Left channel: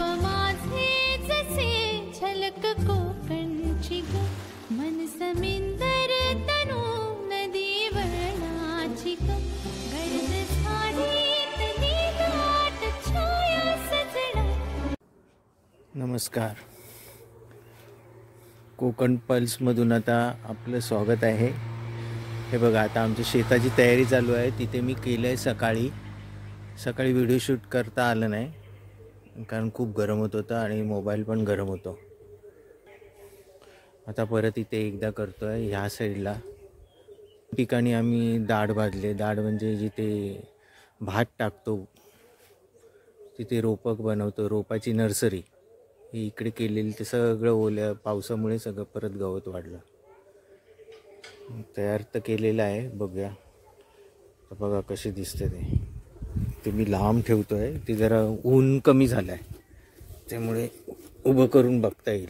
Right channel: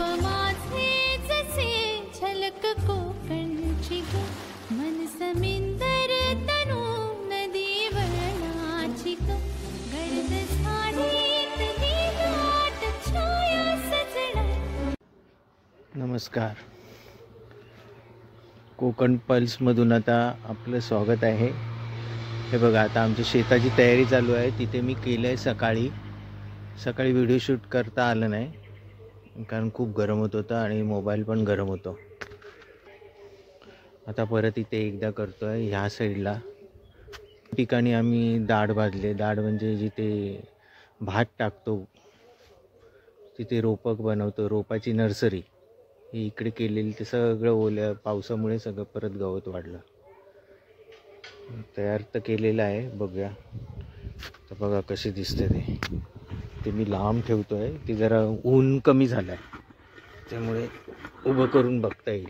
रूप माझे जसे झलक कोकणची ग, मन समिंदर तनु नदी वळणाची ग, गर्द झाडीतली दाट छाया सजणा. नमस्कार, कोकण पल्समधून आता आपलं स्वागत आहे. हे बघा, आता आमच्या शेताची तयारी चालू आहे. तिथे मी केलं आहे सकाळी व्हिडिओ शूट करता आलं नाही कारण खूप गरम होत होतं आणि मोबाईल पण गरम होतो. आता परत इथे एकदा करतो आहे. ह्या साईडला ठिकाणी आम्ही दाढ भाजले. दाढ म्हणजे जिथे भात टाकतो तिथे रोपक बनवतो, रोपाची नर्सरी ही इकडे केलेली. ते सगळं ओल्या पावसामुळे सगळं परत गवत वाढलं. तयार तर केलेलं आहे, बघूया. तर बघा कसे दिसते ते मी लांब ठेवतो आहे. ते जरा ऊन कमी झालं आहे त्यामुळे उभं करून बघता येईल.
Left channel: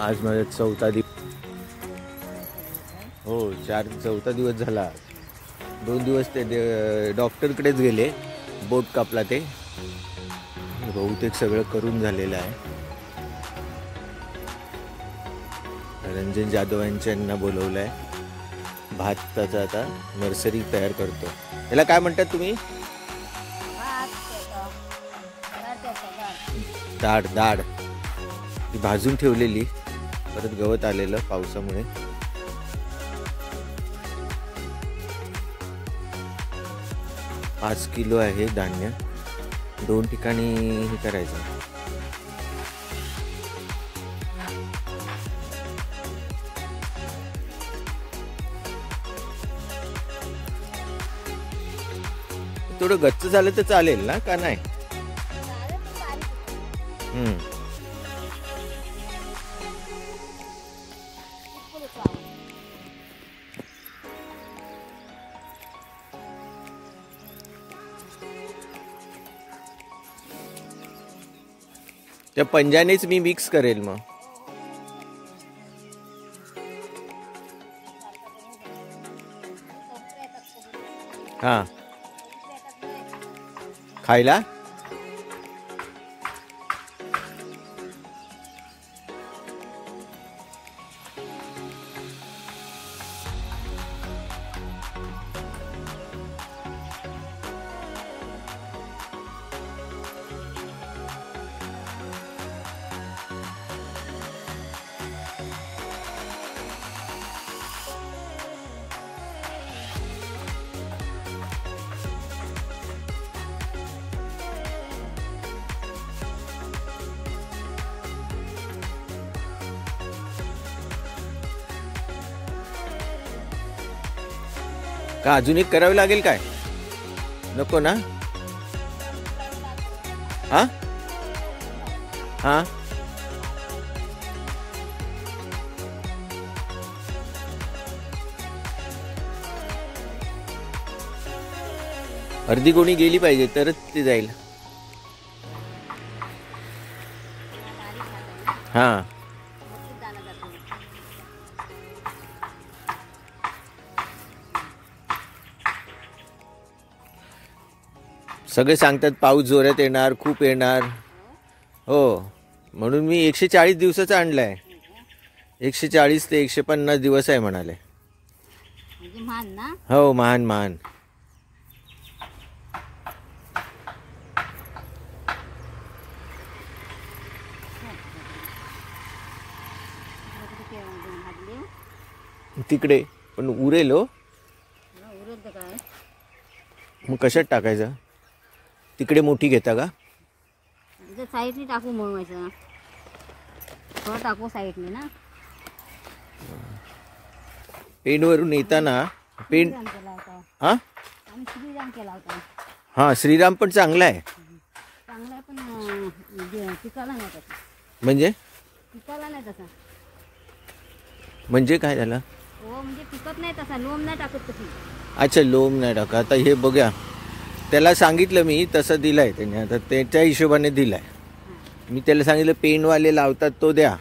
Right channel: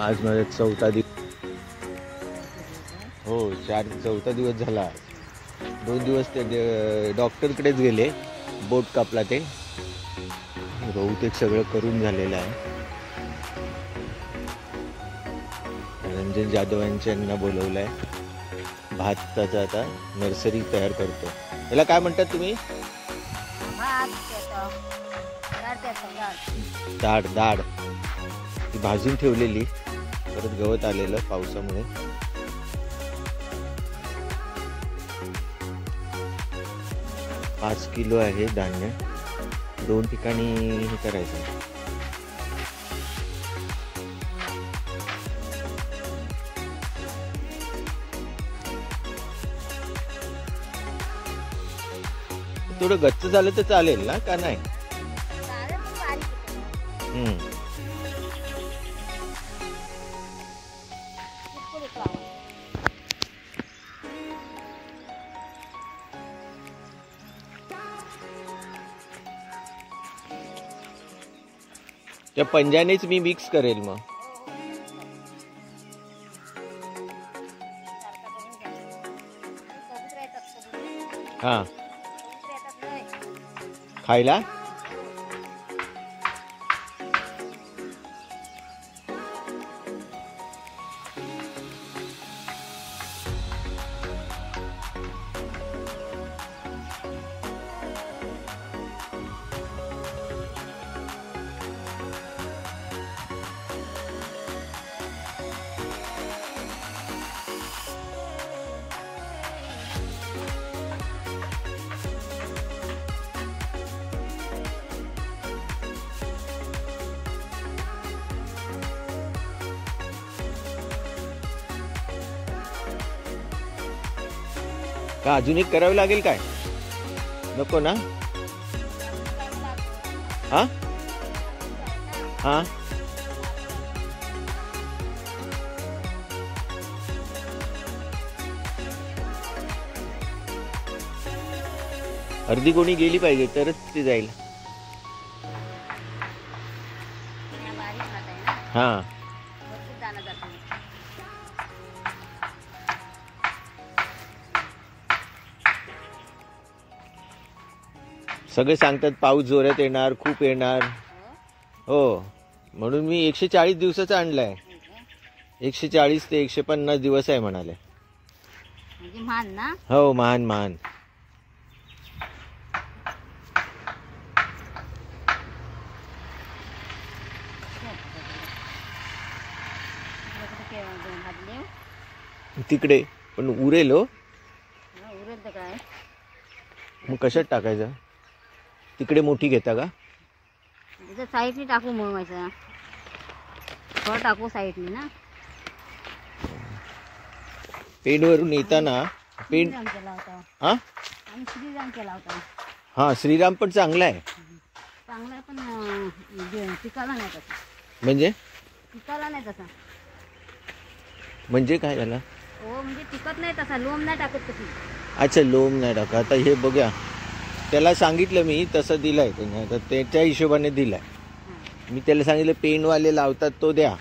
आज माझा चौथा दिवस. हो, चौथा दिवस झाला. 2 दिवस ते डॉक्टरकडेच गेले. बोट कापला ते बहुतेक सगळं करून झालेलं आहे. रंजन जाधव यांना बोलवलं आहे. भाताचा आता नर्सरी तयार करतो. याला काय म्हणतात तुम्ही? दाढ ती भाजून ठेवलेली, परत गवत आलेलं पावसामुळे. पाच किलो आहे धान्य. 2 ठिकाणी हे करायचं. थोडं गच्च झालं तर चालेल ना, का नाही? त्या पंजानेच मी मिक्स करेल मग. हा, खायला का अजून एक करावे लागेल काय? नको ना? हा हा, अर्धी कोणी गेली पाहिजे तरच ते जाईल. हा, सगळे सांगतात पाऊस जोरात येणार, खूप येणार. हो, म्हणून मी 140 दिवसाचा आणलाय. 140 ते 150 दिवस आहे म्हणाले. हो, महान. तिकडे पण उरेल. हो, मग कशात टाकायचं? तिकडे मोठी घेता का? साईडने टाकू मग टाकू साईडने ना. पेनवरून येताना पेन हा, श्रीराम केला होता. हा, श्रीराम पण चांगला आहे. चांगला आहे पण पिकाला नाही तसा. म्हणजे पिकाला नाही तसा. म्हणजे काय झालं? हो, म्हणजे पिकत नाही तसा. लोम नाही टाकत तशी. अच्छा, लोम नाही टाका. आता हे बघा, त्याला सांगितलं मी तसं दिलाय त्याने. आता त्याच्या हिशोबाने दिलाय. मी त्याला सांगितलं पेनवाले लावतात तो द्या,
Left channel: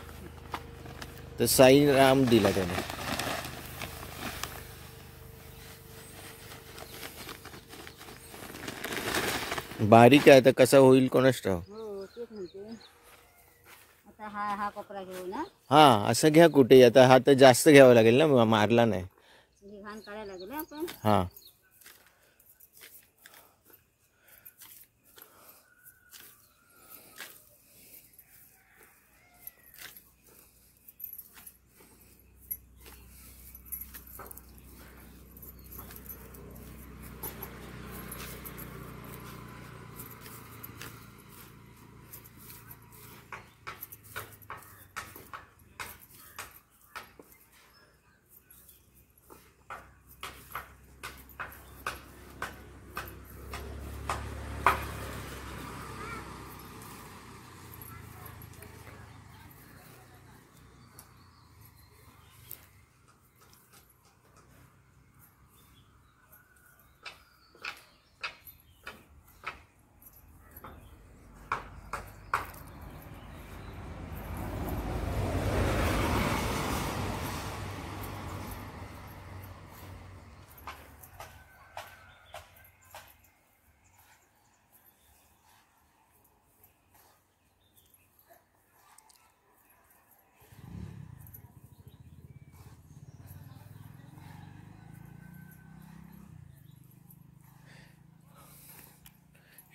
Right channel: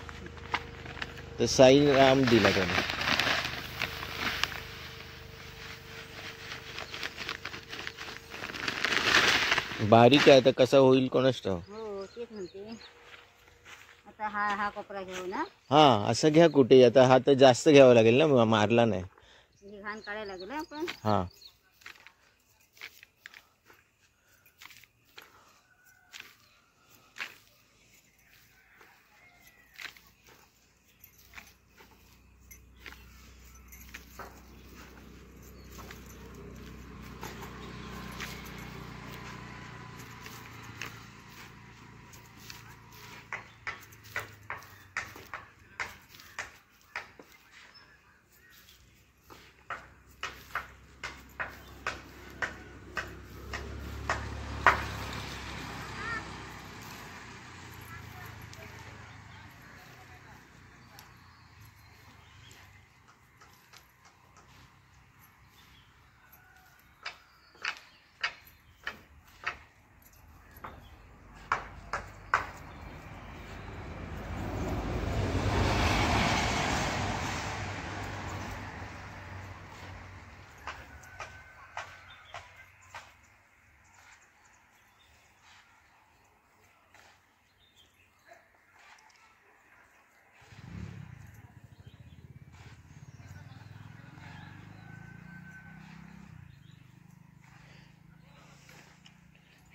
तर साईराम दिला त्याने. बारीक आहे, आता कसा होईल कोणाच ठाऊक. हो, तेच म्हणते. आता हा कोपरा घेऊ ना. हा, असं घ्या कुठे. आता हा तर जास्त घ्यावा लागेल ना, मारला नाही. घाण काढायला लागेल आपण. हा,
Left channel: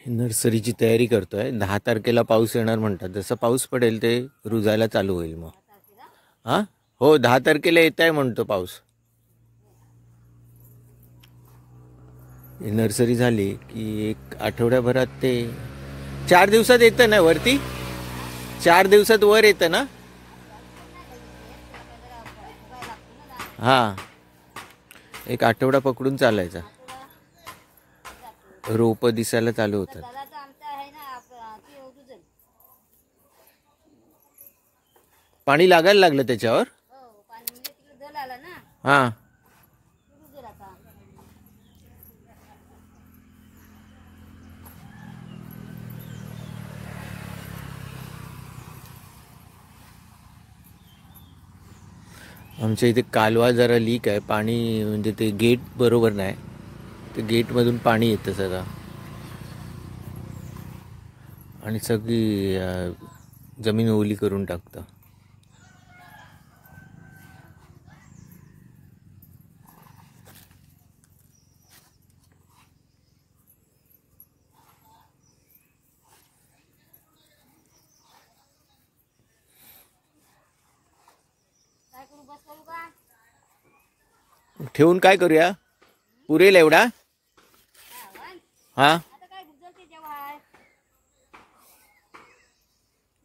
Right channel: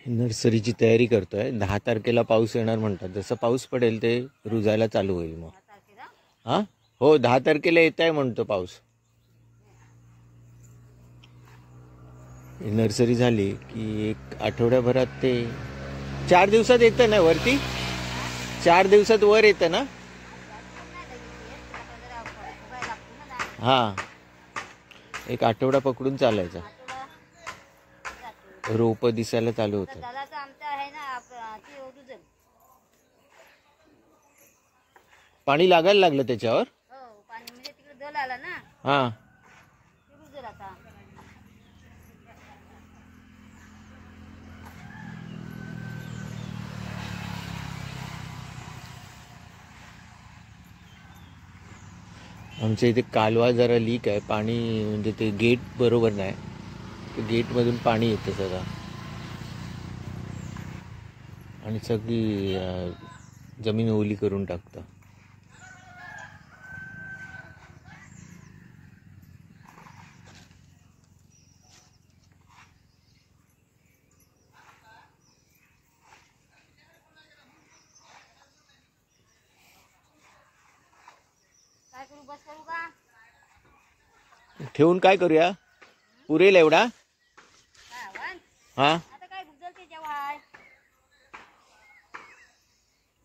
नर्सरीची तयारी करतोय. 10 तारखेला पाऊस येणार म्हणतात. जसं पाऊस पडेल ते रुजायला चालू होईल मग. हां हो 10 तारखेला येत आहे म्हणतो पाऊस. नर्सरी झाली की 1 आठवड्याभरात ते 4 दिवसात येतं ना वरती. 4 दिवसात वर येतं ना. हां 1 आठवडा पकडून चालायचा. रोप दिसायला चालू होतात. पाणी लागायला लागलं त्याच्यावर. हां आमच्या इथे कालवा जरा लीक आहे. पाणी म्हणजे ते गेट बरोबर नाही. ते गेटमधून पाणी येतं सगळं आणि सगळी जमीन ओली करून टाकतं. ठेवून काय करूया. पुरेल एवढा. हा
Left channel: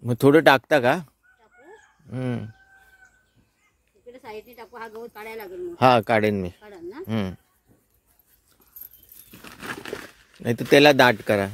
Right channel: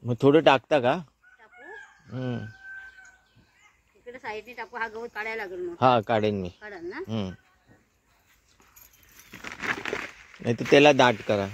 मग थोडं टाकता का. साईडने टाकू. हा गवत काढायला लागेल मग. हा काढेन मी. काढा ना. नाही तर त्याला दाट करा.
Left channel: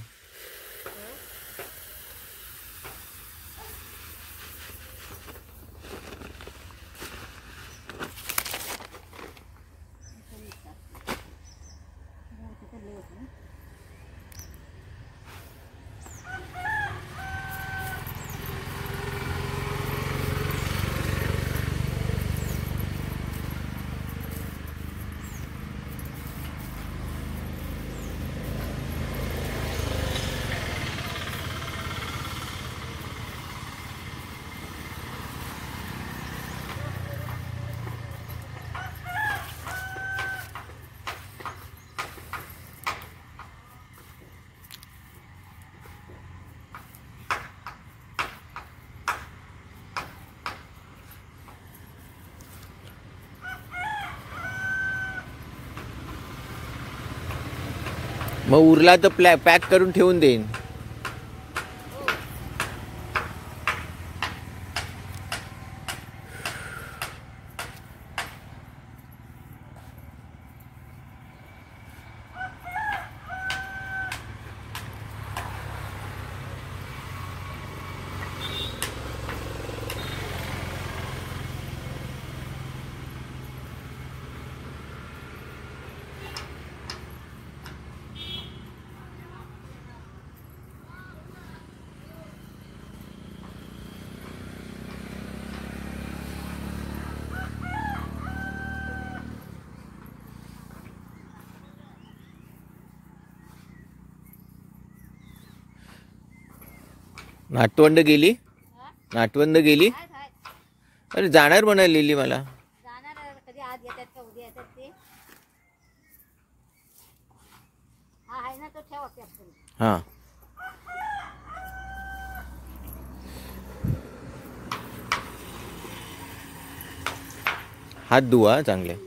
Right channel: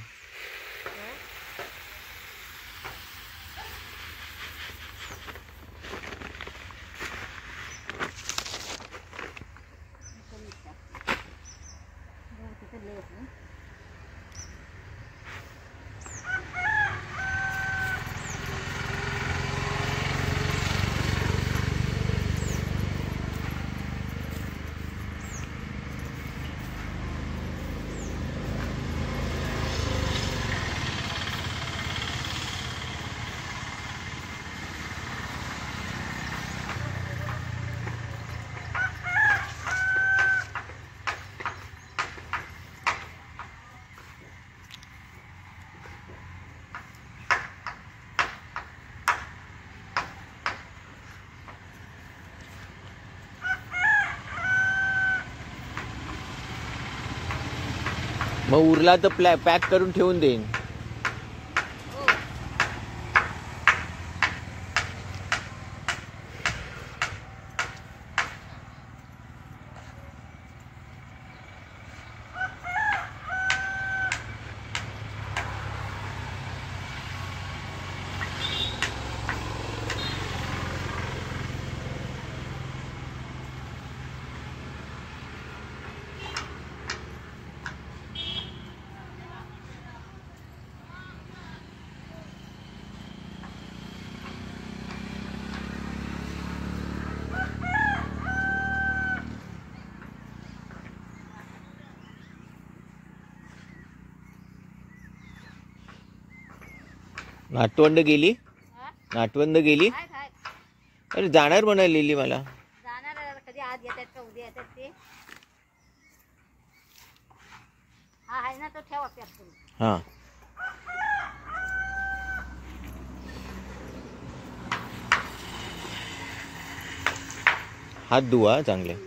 मग उरला तर पॅक करून ठेवून देईन. नाटवंड गेली. नाटवंड गेली. अरे जाणार म्हणालेली मला. जाणार कधी आज येतात का उद्या येतात ते. हा आहे ना तो ठेवा पॅक करून. हां हात धुवा चांगले.